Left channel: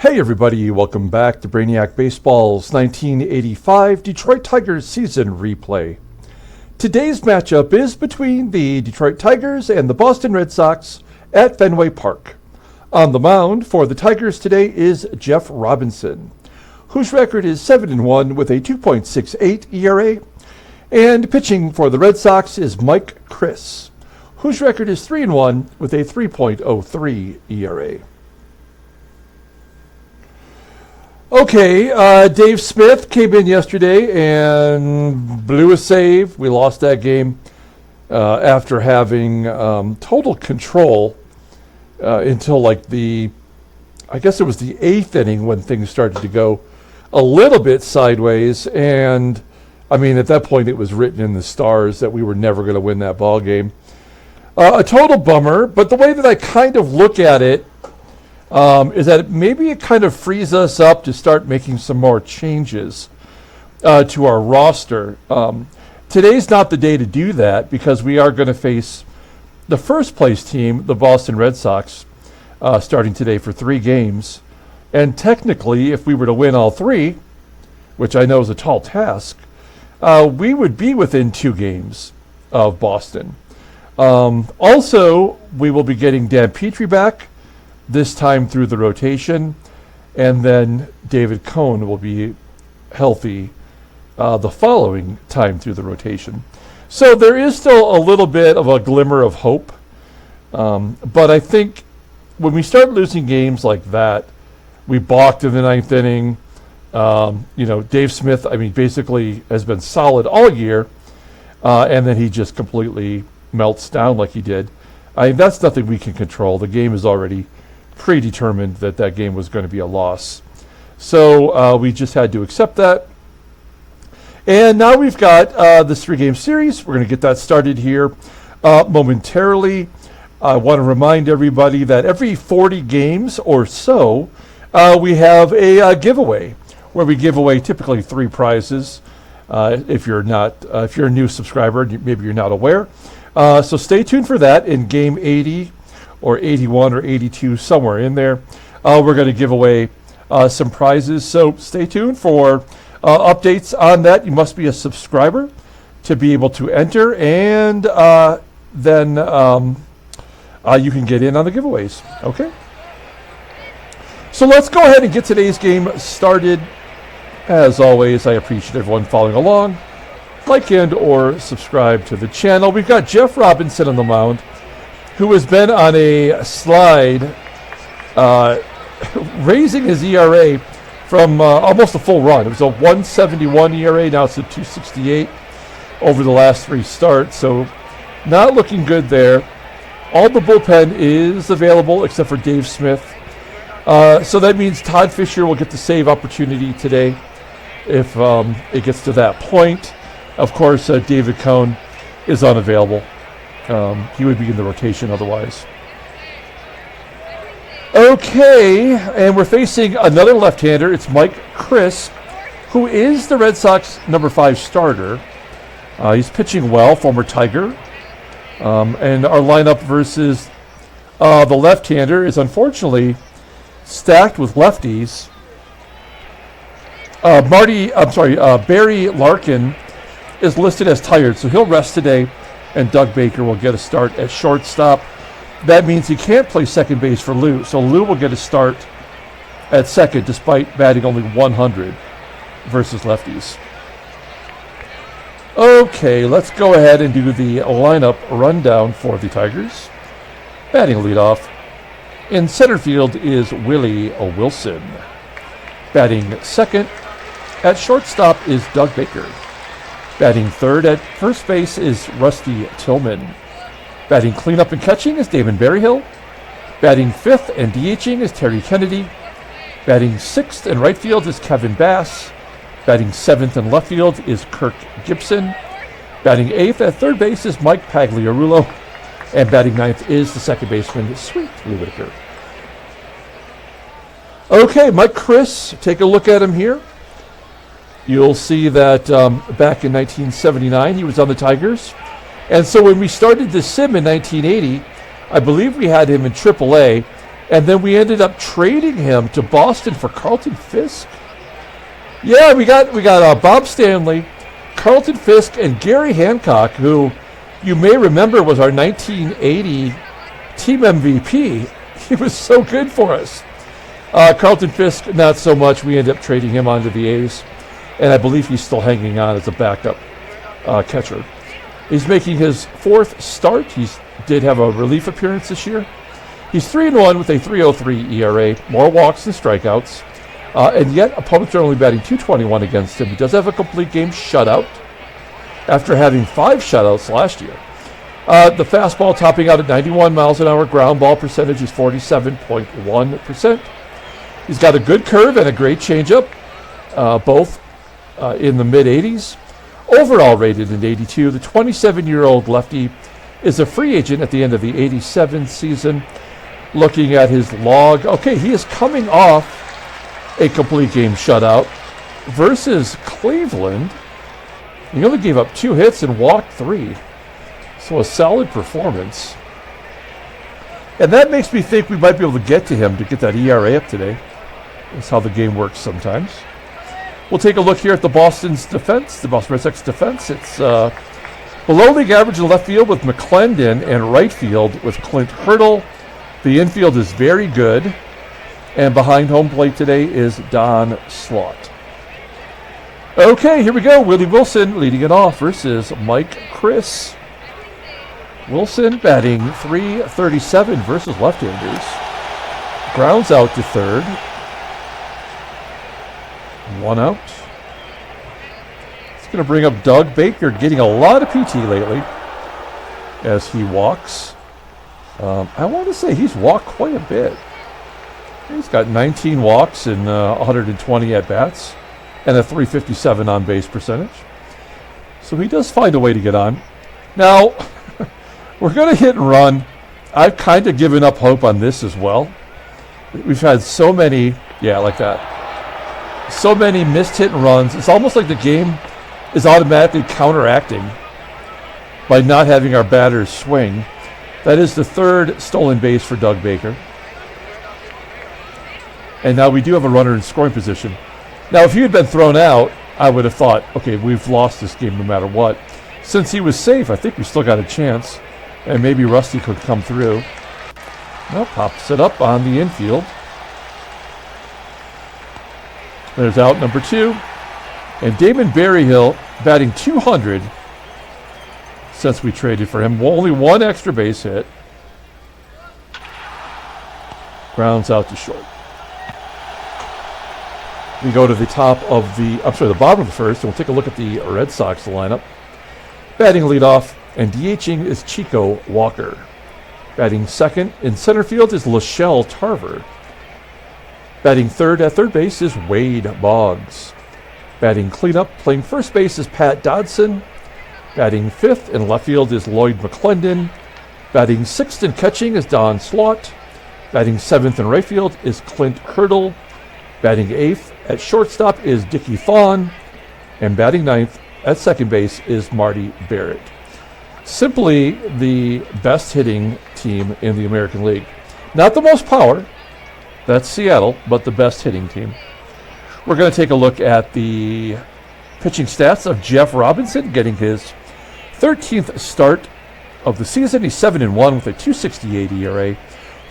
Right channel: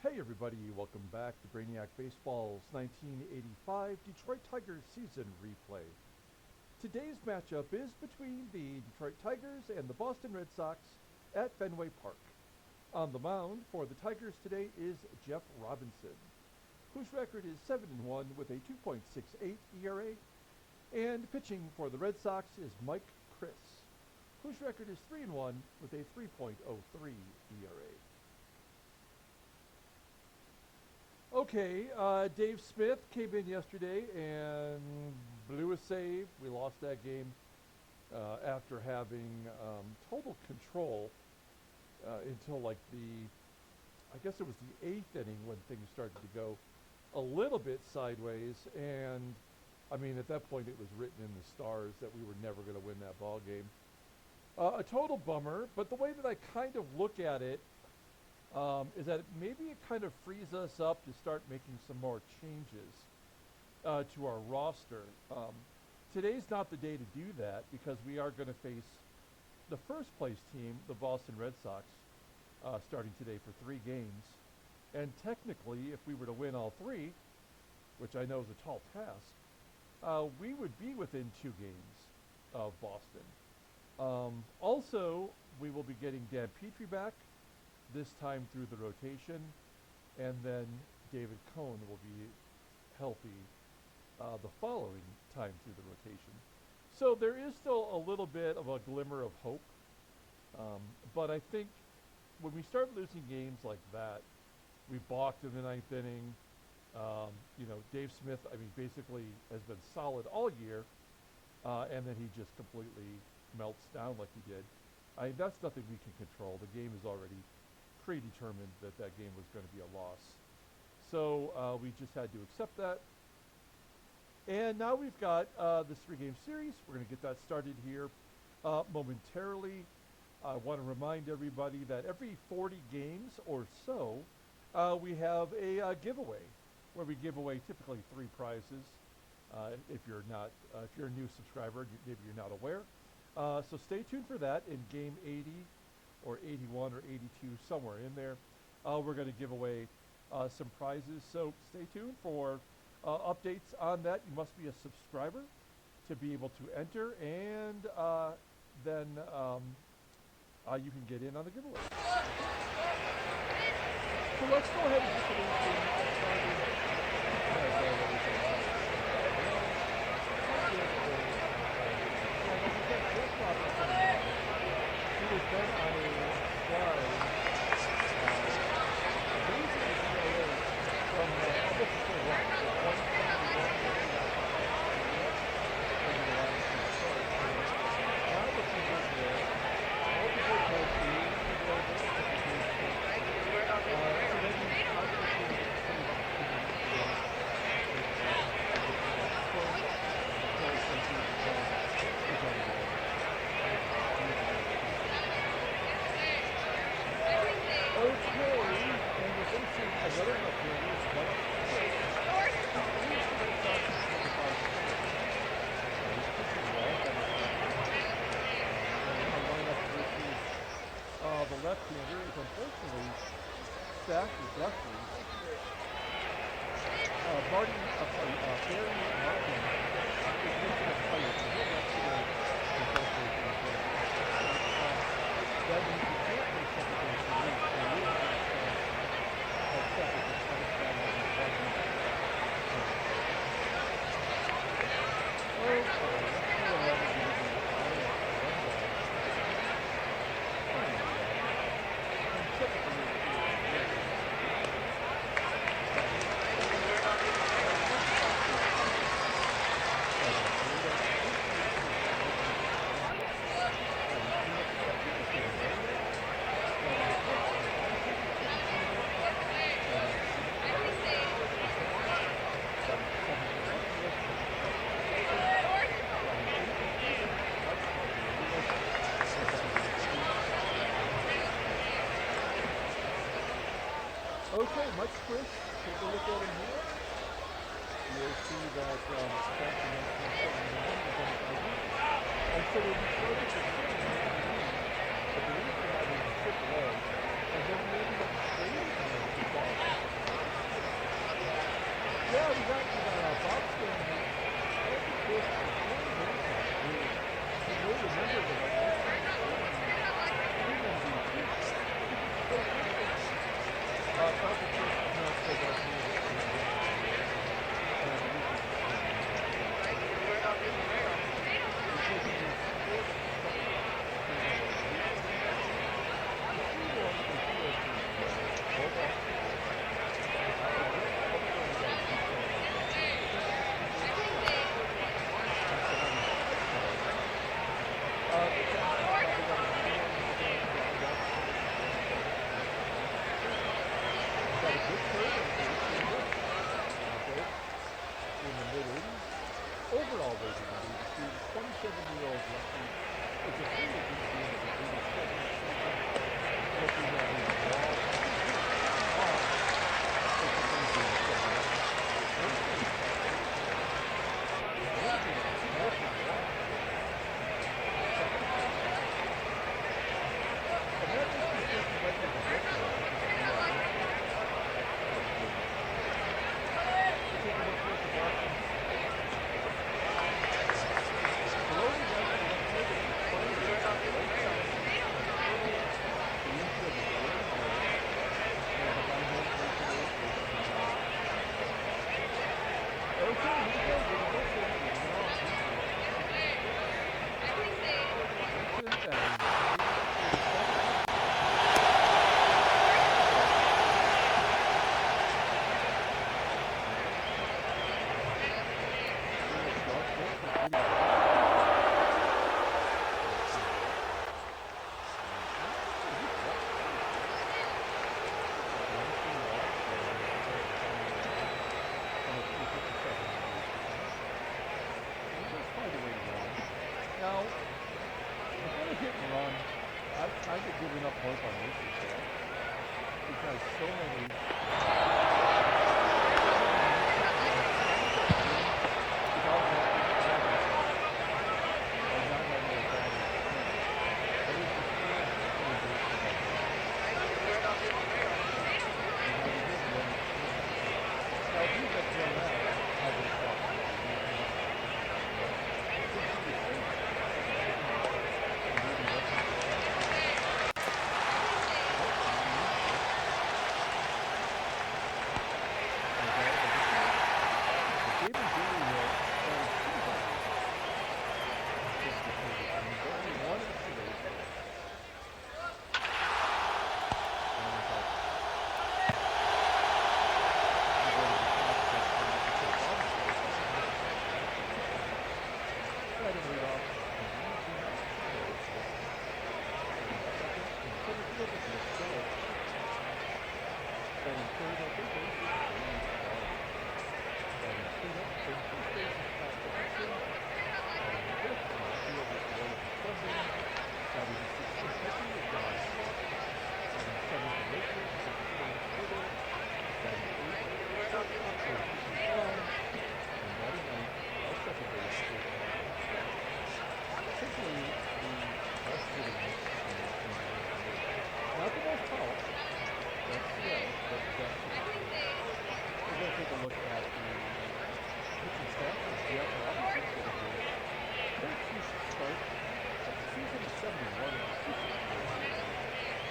Hey everybody, welcome back to Brainiac Baseball's 1985 Detroit Tigers season replay. Today's matchup is between the Detroit Tigers and the Boston Red Sox at Fenway Park. On the mound for the Tigers today is Jeff Robinson, whose record is 7-1 with a 2.68 ERA. And pitching for the Red Sox is Mike Chris, whose record is 3-1 with a 3.03 ERA. Okay, Dave Smith came in yesterday and blew a save. We lost that game after having total control until like I guess it was the 8th inning when things started to go a little bit sideways. And I mean, at that point, it was written in the stars that we were never going to win that ball game. A total bummer, but the way that I kind of look at it is that maybe it kind of frees us up to start making some more changes to our roster. Today's not the day to do that because we are going to face the first place team, the Boston Red Sox, starting today for 3 games. And technically, if we were to win all 3, which I know is a tall task, we would be within 2 games of Boston. Also, we will be getting Dan Petrie back, this time through the rotation, and then David Cone will be healthy the following time through the rotation. So there is still a little bit of a glimmer of hope, but I think when we start losing games like that, we balked in the 9th inning. Dave Smith, I mean, basically has been solid all year, and then he just completely melts down like he did. That's nothing we can control. The game is already predetermined that game was going to be a loss. So we just had to accept that. And now we've got this 3-game series. We're going to get that started here momentarily. I want to remind everybody that every 40 games or so, we have a giveaway where we give away typically 3 prizes. If you're a new subscriber, maybe you're not aware. So stay tuned for that in game 80 or 81 or 82, somewhere in there. We're going to give away some prizes. So stay tuned for updates on that. You must be a subscriber to be able to enter, and then you can get in on the giveaways. Okay? So let's go ahead and get today's game started. As always, I appreciate everyone following along. Like and or subscribe to the channel. We've got Jeff Robinson on the mound, who has been on a slide, raising his ERA from almost a full run. It was a 171 ERA, now it's a 268 over the last 3 starts, so not looking good there. All the bullpen is available except for Dave Smith. So that means Todd Fisher will get the save opportunity today if it gets to that point. Of course, David Cone is unavailable. He would be in the rotation otherwise. Okay, and we're facing another left-hander. It's Mike Chris, who is the Red Sox number 5 starter. He's pitching well, former Tiger. And our lineup versus the left-hander is unfortunately stacked with lefties. Barry Larkin is listed as tired, so he'll rest today. And Doug Baker will get a start at shortstop. That means he can't play second base for Lou, so Lou will get a start at second despite batting only 100 versus lefties. Okay, let's go ahead and do the lineup rundown for the Tigers. Batting leadoff. In center field is Willie Wilson. Batting second at shortstop is Doug Baker. Batting third at first base is Rusty Tillman. Batting cleanup and catching is Damon Berryhill. Batting fifth and DHing is Terry Kennedy. Batting sixth in right field is Kevin Bass. Batting seventh in left field is Kirk GIBSON. Batting eighth at third base is Mike Pagliarulo. And batting ninth is the second baseman, Sweet Whitaker. Okay, Mike Chris, take a look at him here. You'll see that back in 1979, he was on the Tigers. And so when we started this sim in 1980, I believe we had him in AAA. And then we ended up trading him to Boston for Carlton Fisk. Yeah, we got Bob Stanley, Carlton Fisk, and Gary Hancock, who you may remember was our 1980 team MVP. He was so good for us. Carlton Fisk, not so much. We ended up trading him onto the A's, and I believe he's still hanging on as a backup catcher. He's making his 4th start. He did have a relief appearance this year. He's 3-1 with a 3.03 ERA, more walks than strikeouts, and yet opponents are only batting .221 against him. He does have a complete game shutout after having 5 shutouts last year. The fastball topping out at 91 miles an hour. Ground ball percentage is 47.1%. He's got a good curve and a great changeup, both in the mid-80s. Overall rated in 82. The 27-year-old lefty is a free agent at the end of the 87 season. Looking at his log, okay, he is coming off a complete game shutout versus Cleveland. He only gave up 2 hits and walked 3. So a solid performance. And that makes me think we might be able to get to him to get that ERA up today. That's how the game works sometimes. We'll take a look here at the Boston's defense, the Boston Red Sox defense. It's below league average in left field with McCLENDON, and right field with Clint. The infield is very good. And behind home plate today is Don SLAUGHT. Okay, here we go. Willie Wilson leading it off versus Mike Chris. Wilson batting .337 versus left-handers. Grounds out to third. 1 out. It's going to bring up Doug Baker, getting a lot of PT lately as he walks. I want to say he's walked quite a bit. He's got 19 walks and 120 at-bats and a .357 on-base percentage. So he does find a way to get on. Now, we're going to hit and run. I've kind of given up hope on this as well. We've had so many, yeah, like that. So many missed hit and runs. It's almost like the game is automatically counteracting by not having our batters swing. That is the 3rd stolen base for Doug Baker. And now we do have a runner in scoring position. Now, if he had been thrown out, I would have thought, okay, we've lost this game no matter what. Since he was safe, I think we still got a chance. And maybe Rusty could come through. Well, pops it up on the infield. There's out number 2. And Damon Berryhill batting .200 since we traded for him. Only 1 extra base hit. Grounds out to short. We go to the the bottom of the first, and we'll take a look at the Red Sox lineup. Batting leadoff and DHing is Chico Walker. Batting second in center field is Tarver. Batting third at third base is Wade Boggs. Batting cleanup, playing first base is Pat Dodson. Batting fifth in left field is Lloyd McCLENDON. Batting sixth and catching is Don SLAUGHT. Batting seventh in right field is Clint. Batting eighth at shortstop is Dickie THON. And batting ninth at second base is Marty BARRETT. Simply the best hitting team in the American League. Not the most power, that's Seattle, but the best hitting team. We're going to take a look at the pitching stats of Jeff Robinson, getting his 13th start of the season. He's 7-1 with a .268 ERA,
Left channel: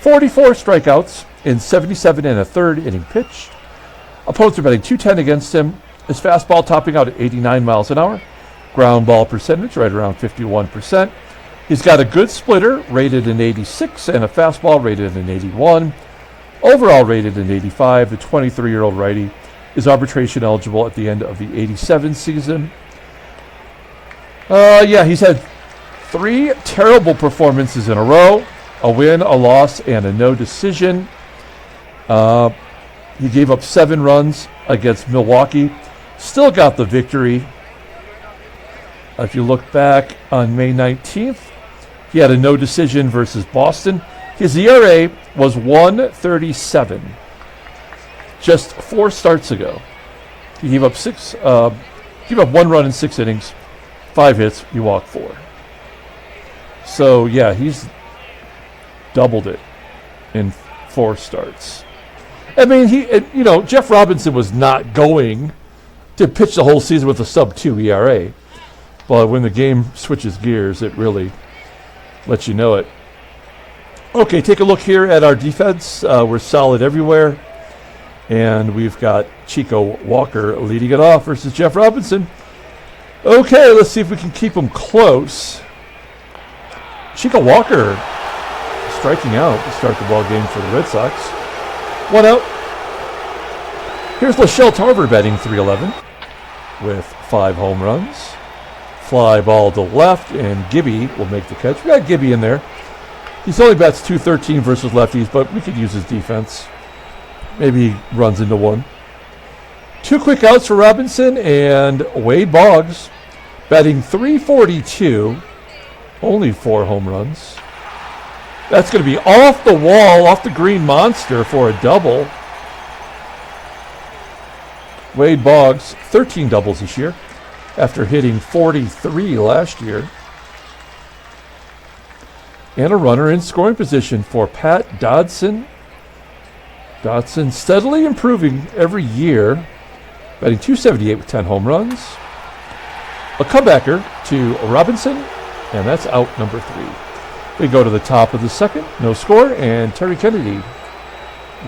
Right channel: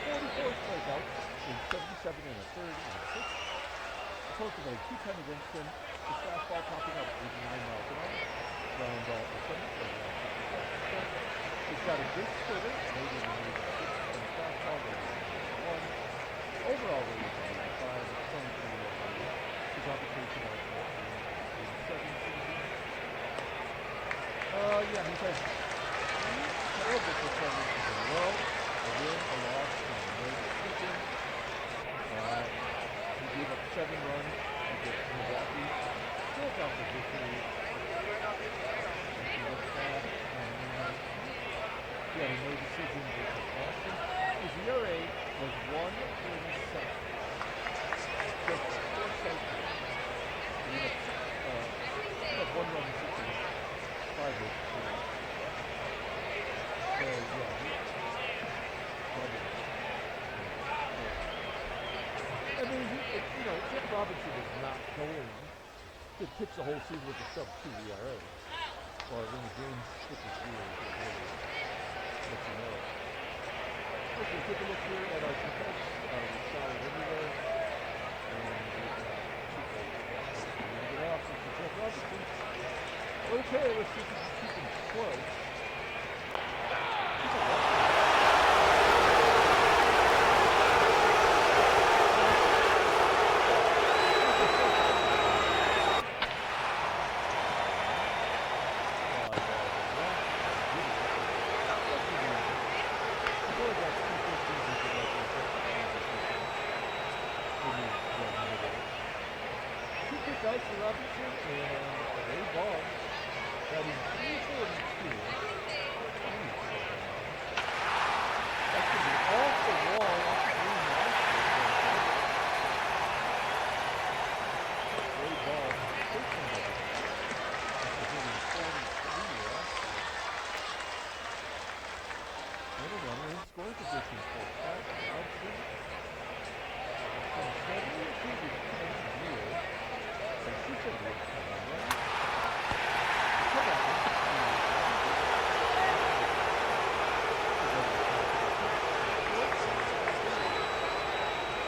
44 strikeouts in 77 and a third inning pitch. Opponents are batting .210 against him. His fastball topping out at 89 miles an hour. Ground ball percentage right around 51%. He's got a good splitter rated in 86 and a fastball rated in 81. Overall rated in 85. The 23-year-old righty is arbitration eligible at the end of the 87 season. He's had 3 terrible performances in a row. A win, a loss, and a no decision. He gave up 7 runs against Milwaukee. Still got the victory. If you look back on May 19th, he had a no decision versus Boston. His ERA was 1.37 just 4 starts ago. He gave up 1 run in 6 innings, 5 hits, he walked 4. So yeah, he's doubled it in 4 starts. I mean, Jeff Robinson was not going to pitch the whole season with a sub-2 ERA. But when the game switches gears, it really lets you know it. Okay, take a look here at our defense. We're solid everywhere. And we've got Chico Walker leading it off versus Jeff Robinson. Okay, let's see if we can keep him close. Chico Walker striking out to start the ball game for the Red Sox. 1 out. Here's Shelle Tarver batting .311 with 5 home runs. Fly ball to left, and Gibby will make the catch. We got Gibby in there. He's only bats .213 versus lefties, but we could use his defense. Maybe he runs into one. 2 quick outs for Robinson, and Wade Boggs batting .342. Only 4 home runs. That's going to be off the wall, off the green monster for a double. Wade Boggs, 13 doubles this year after hitting 43 last year. And a runner in scoring position for Pat Dodson. Dodson steadily improving every year, batting .278 with 10 home runs. A comebacker to Robinson, and that's out number 3. We go to the top of the second, no score, and Terry Kennedy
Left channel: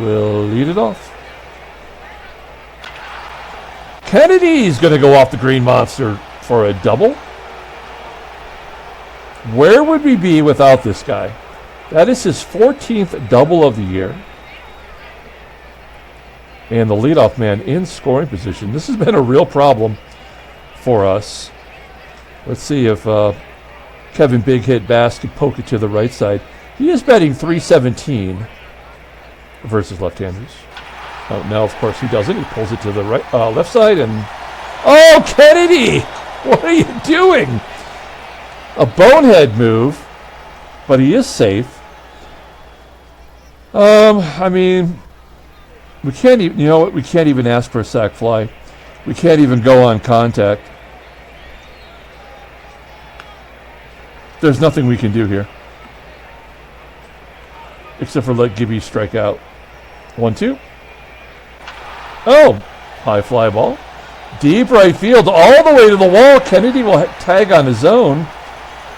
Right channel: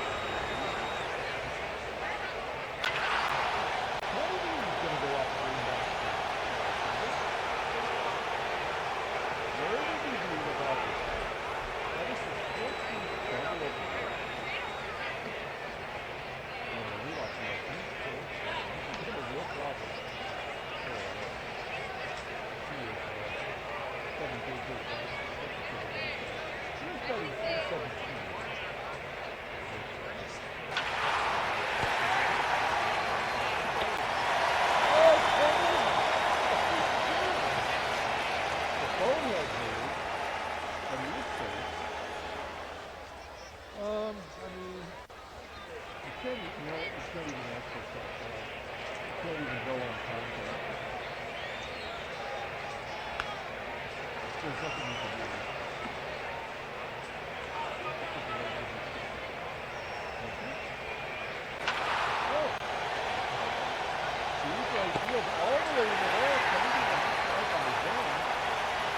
will lead it off. Kennedy's going to go off the green monster for a double. Where would we be without this guy? That is his 14th double of the year. And the leadoff man in scoring position. This has been a real problem for us. Let's see if Kevin Big Hit Bass can poke it to the right side. He is batting .317 versus left-handers. Oh, now, of course, he doesn't. He pulls it to the right, left side, and oh, Kennedy! What are you doing? A bonehead move, but he is safe. I mean, we can't even. You know what? We can't even ask for a sac fly. We can't even go on contact. There's nothing we can do here, except for let Gibby strike out. 1-2. Oh, high fly ball. Deep right field, all the way to the wall. Kennedy will tag on his own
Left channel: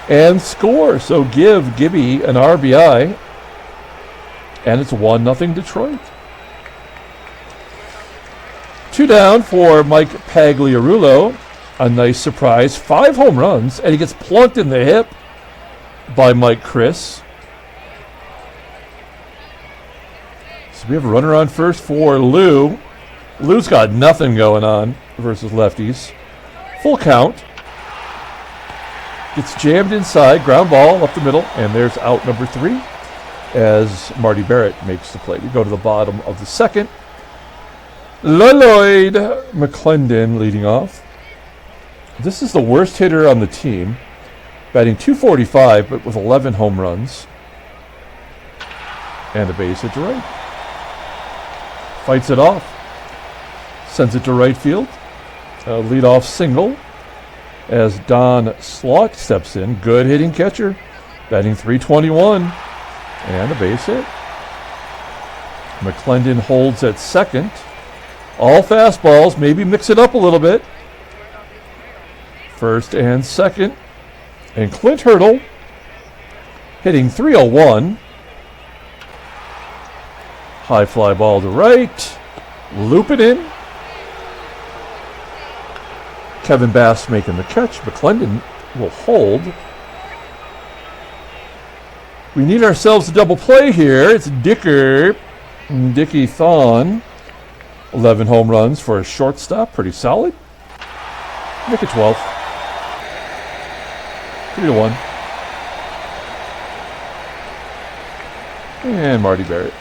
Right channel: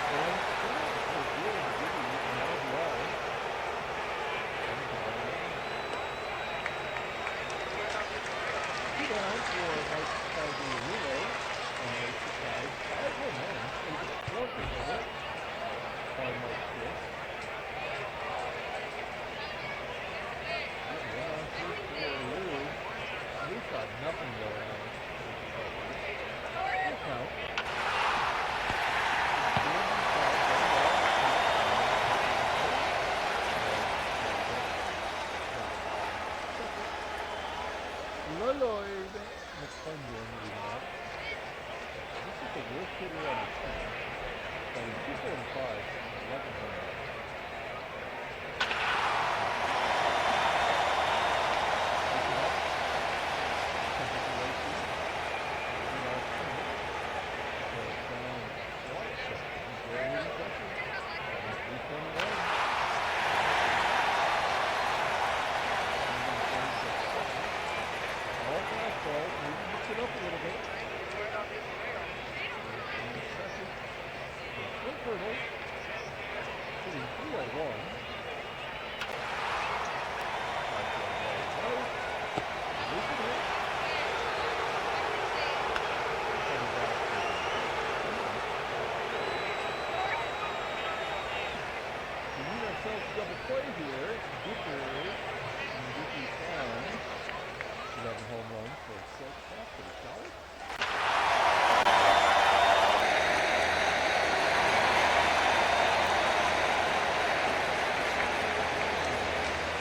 and score. So give Gibby an RBI. And it's 1-0 Detroit. 2 down for Mike Pagliarulo. A nice surprise. 5 home runs, and he gets plunked in the hip by Mike Chris. So we have a runner on first for Lou. Lou's got nothing going on versus lefties. Full count. Gets jammed inside, ground ball up the middle, and there's out number 3 as Marty Barrett makes the play. We go to the bottom of the second. Lloyd McCLENDON leading off. This is the worst hitter on the team, batting .245, but with 11 home runs. And a base hit to right. Fights it off. Sends it to right field. A leadoff single as Don SLAUGHT steps in. Good hitting catcher. Batting .321. And a base hit. McCLENDON holds at second. All fastballs. Maybe mix it up a little bit. First and second. And Clint Hurdle hitting .301. High fly ball to right. Loop it in. Kevin Bass making the catch. McCLENDON will hold. We need ourselves a double play here. It's Dickie THON. 11 home runs for a shortstop. Pretty solid. Look at 12. 3-1. And Marty Barrett.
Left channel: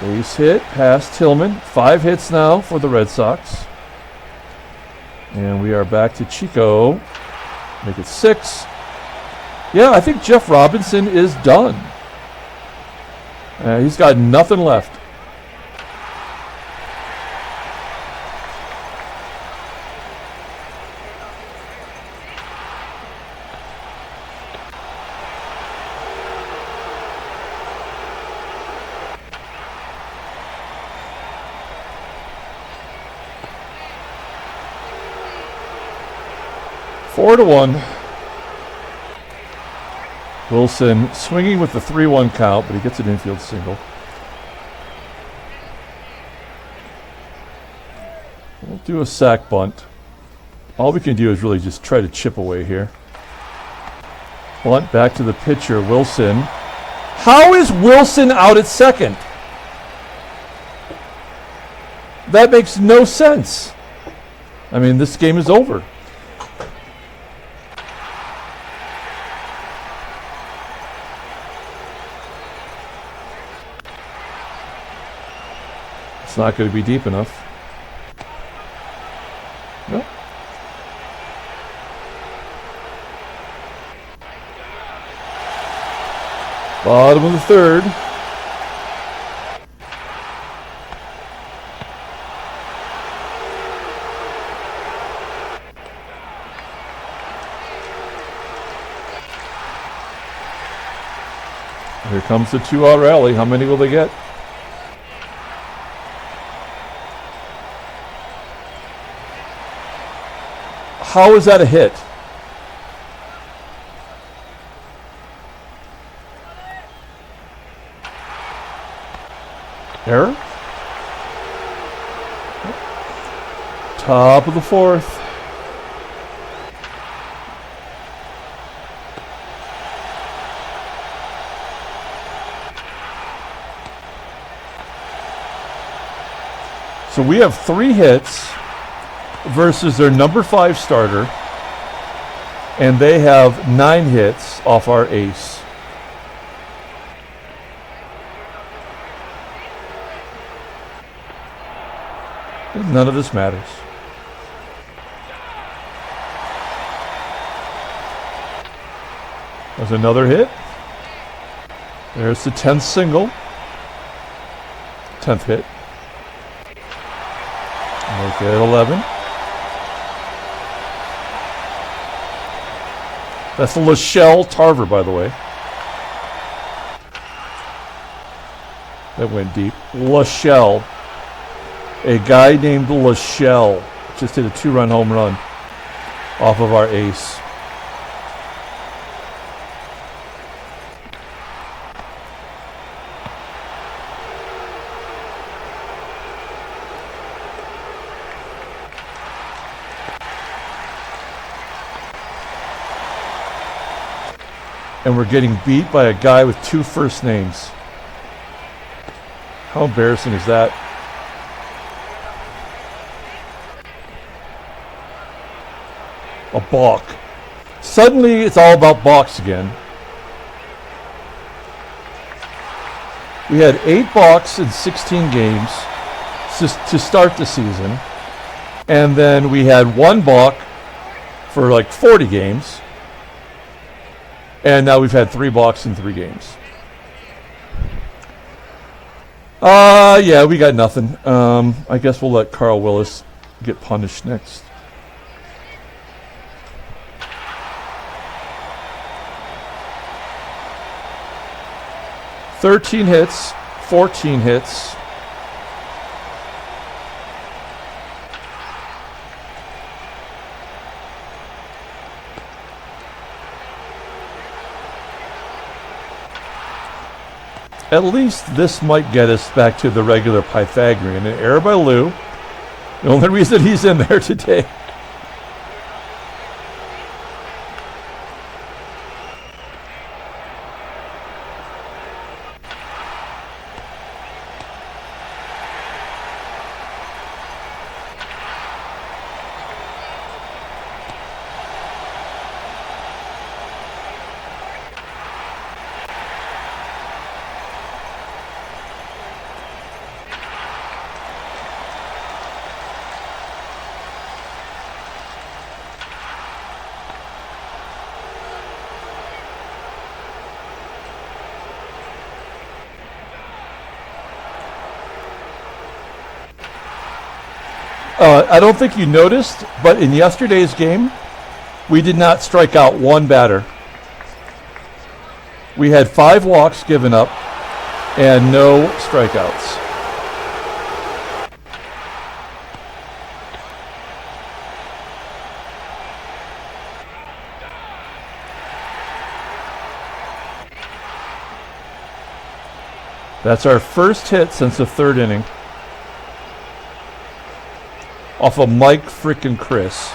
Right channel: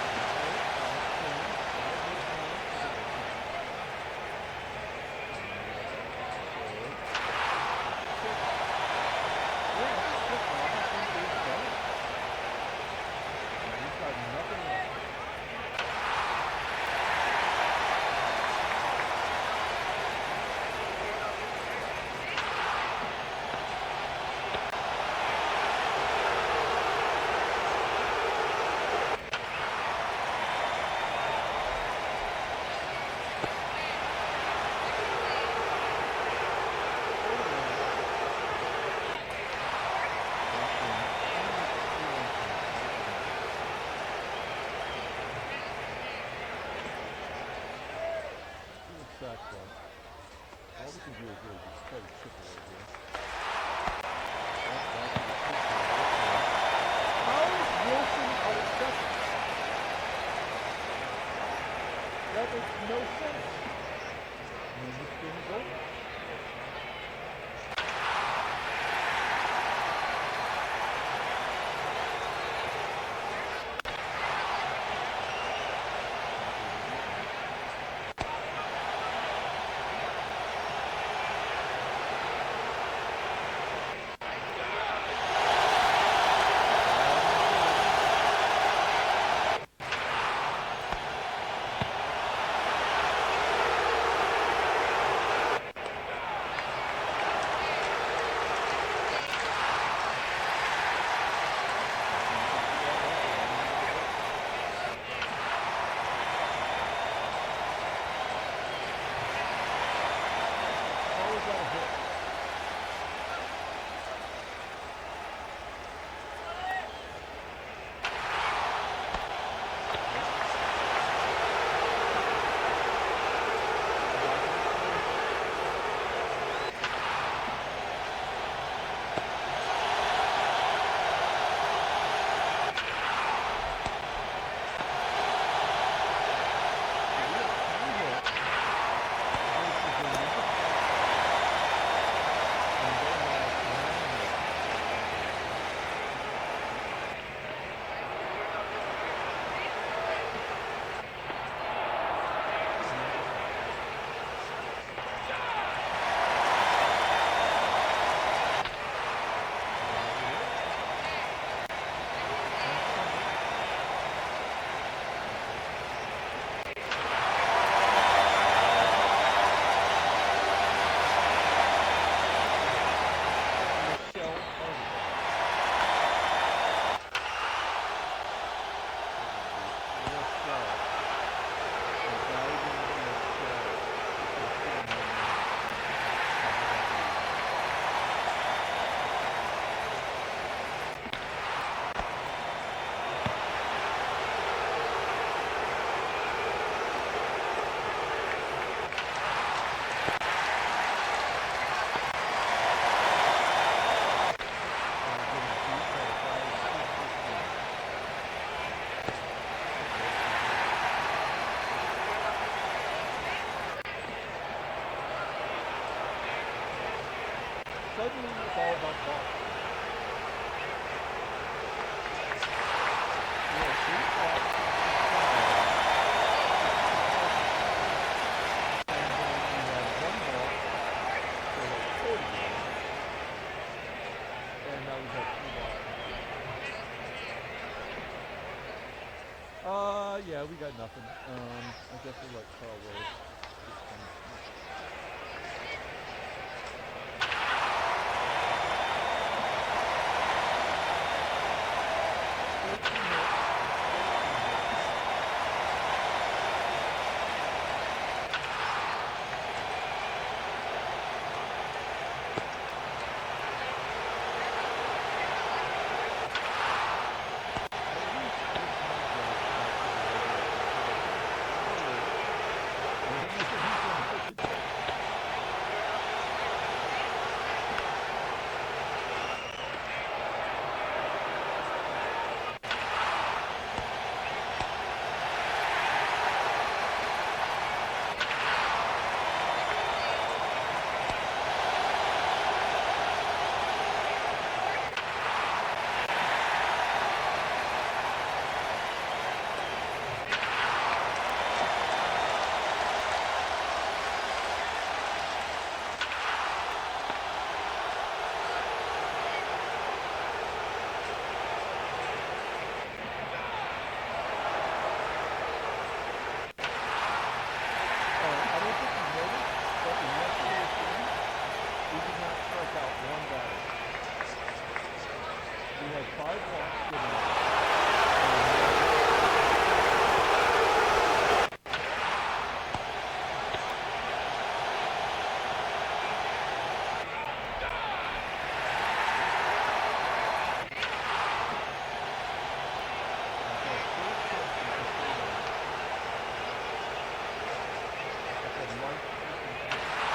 Base hit past Tillman. 5 hits now for the Red Sox. And we are back to Chico. Make it 6. Yeah, I think Jeff Robinson is done. He's got nothing left. 4-1. Wilson swinging with the 3-1 count, but he gets an infield single. We'll do a sack bunt. All we can do is really just try to chip away here. Bunt back to the pitcher, Wilson. How is Wilson out at second? That makes no sense. I mean, this game is over. It's not going to be deep enough. Nope. Bottom of the third. Here comes the 2-out rally. How many will they get? How is that a hit? Error? Top of the fourth. So we have 3 hits versus their number 5 starter, and they have 9 hits off our ace. None of this matters. There's another hit. There's the 10th single. 10th hit. Right there, 11. That's the Shelle Tarver, by the way. That went deep. Shelle. A guy named Shelle just hit a 2-run home run off of our ace. And we're getting beat by a guy with 2 first names. How embarrassing is that? A balk. Suddenly it's all about balks again. We had 8 balks in 16 games to start the season. And then we had 1 balk for like 40 games. And now we've had 3 balks in 3 games. Yeah, we got nothing. I guess we'll let Carl Willis get punished next. "13 hits, 14 hits. At least this might get us back to the regular Pythagorean. An error by Lou. The only reason he's in there today. I don't think you noticed, but in yesterday's game, we did not strike out 1 batter. We had 5 walks given up and no strikeouts. That's our first hit since the third inning. Off of Mike frickin' Chris.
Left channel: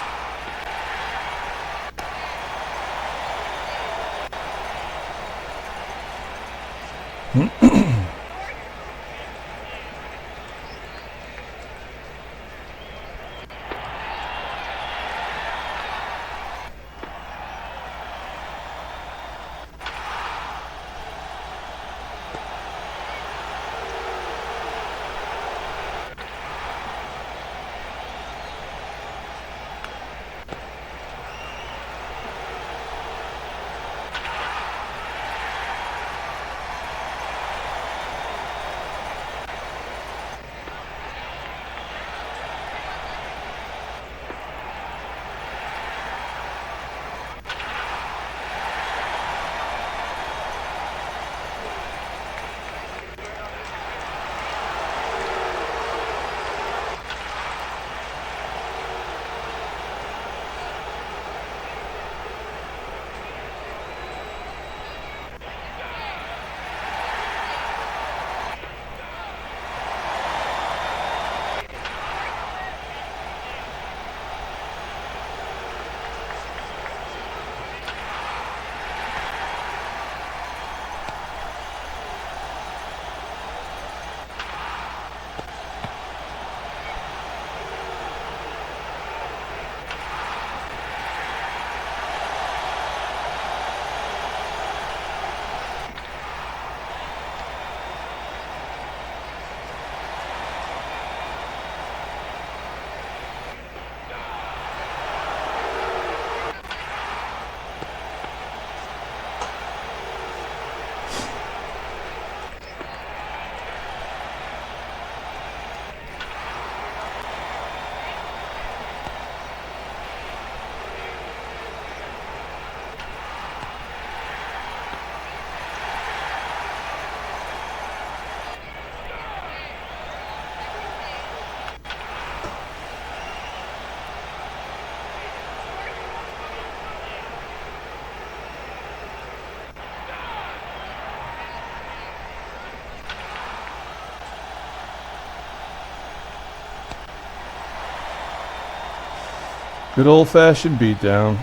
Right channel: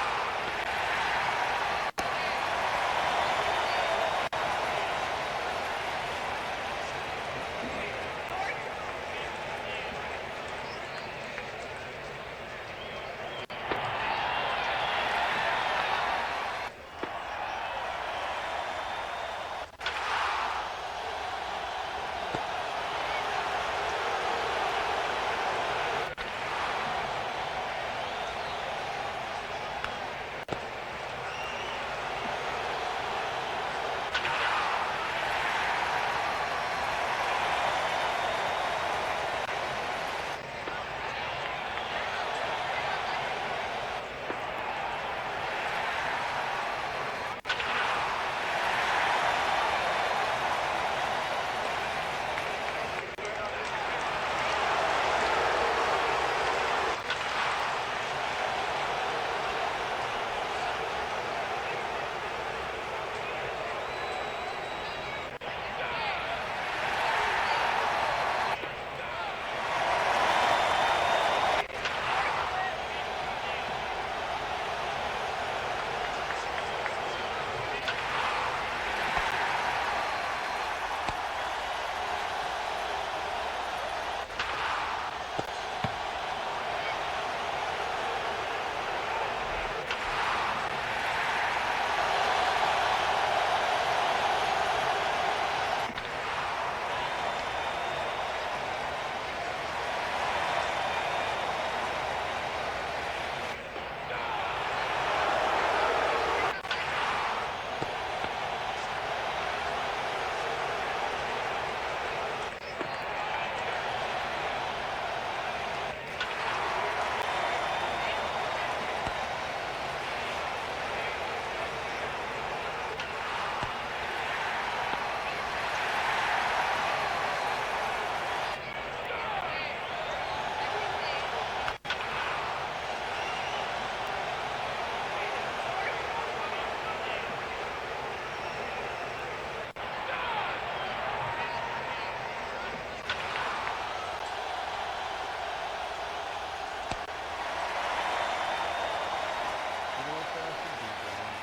Good old-fashioned beatdown.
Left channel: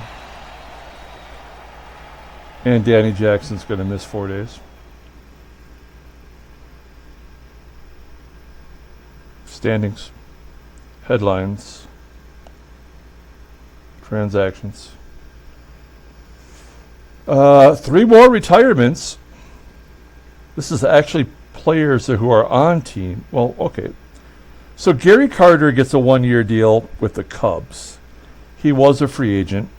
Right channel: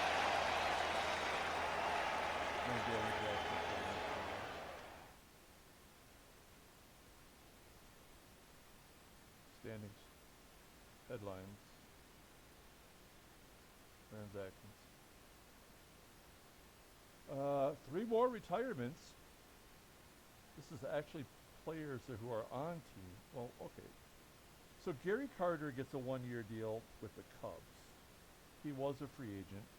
And Danny Jackson's going to miss 4 days. Standings. Headlines. Transactions. 3 more retirements. This is actually players who are on team. Well, okay. So Gary Carter gets a 1-year deal with the Cubs. He was a free agent.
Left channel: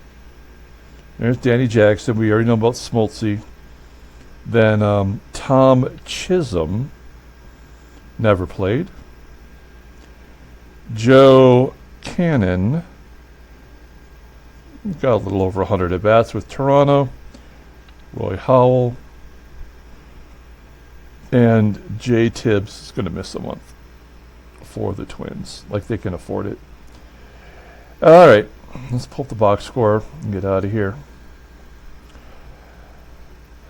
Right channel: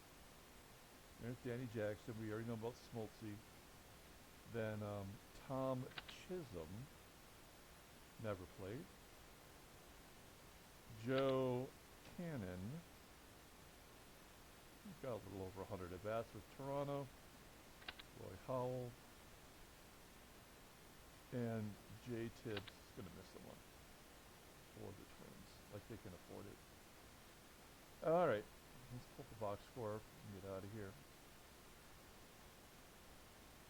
There's Danny Jackson. We already know about Smoltzy. Then Tom Chisholm never played. Joe Cannon got a little over 100 at-bats with Toronto. Roy Howell. And Jay Tibbs is going to miss a month for the Twins. Like they can afford it. All right. Let's pull up the box score and get out of here.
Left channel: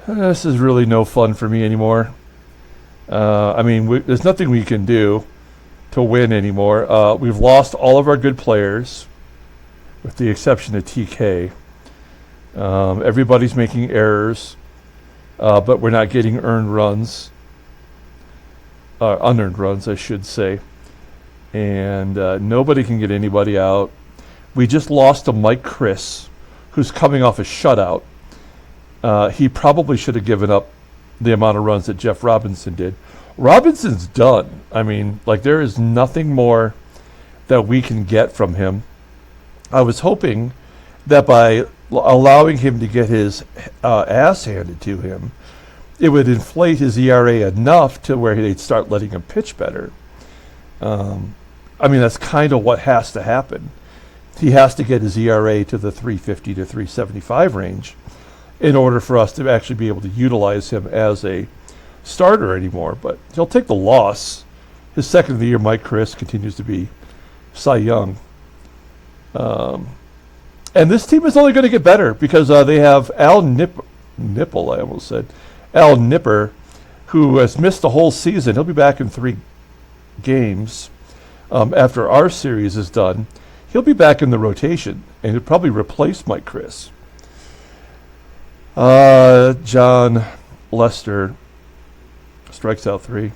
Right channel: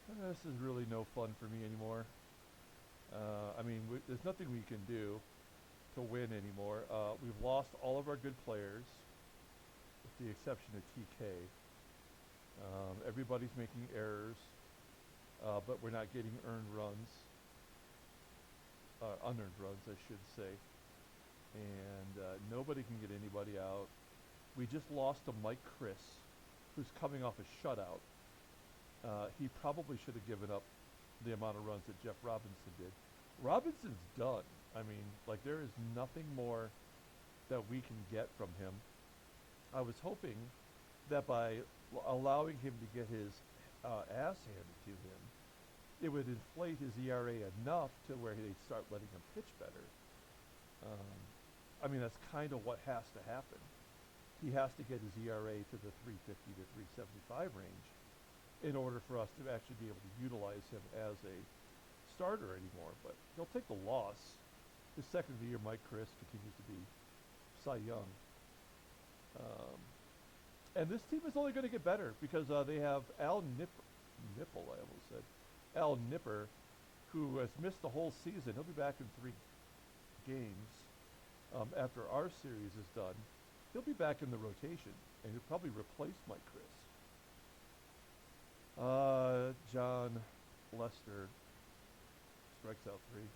This is really no fun for me anymore. I mean, there's nothing we can do to win anymore. We've lost all of our good players, with the exception of TK. Everybody's making errors, but we're not getting earned runs. Unearned runs, I should say. And nobody can get anybody out. We just lost to Mike Chris, who's coming off a shutout. He probably should have given up the amount of runs that Jeff Robinson did. Robinson's done. I mean, like, there is nothing more that we can get from him. I was hoping that by allowing him to get his ass handed to him, it would inflate his ERA enough to where they'd start letting him pitch better. I mean, that's kind of what has to happen. He has to get his ERA to the 350 to 375 range in order for us to actually be able to utilize him as a starter anymore. But he'll take the loss. His second of the year, Mike Chris, continues to be Cy Young. And this team is only going to get better because they have Al Nipple, I almost said. Al Nipper, who has missed the whole season. He'll be back in 3 games after our series is done. He'll be back in the rotation, and he'll probably replace Mike Chris. John Lester strikes out 3.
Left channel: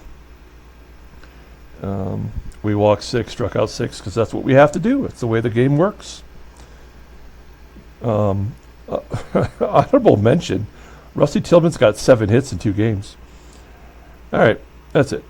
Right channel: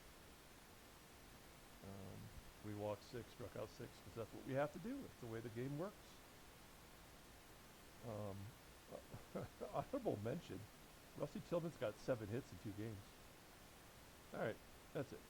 We walked 6, struck out 6, because that's what we have to do. It's the way the game works. Honorable mention, Rusty Tillman's got 7 hits in 2 games. All right, that's it.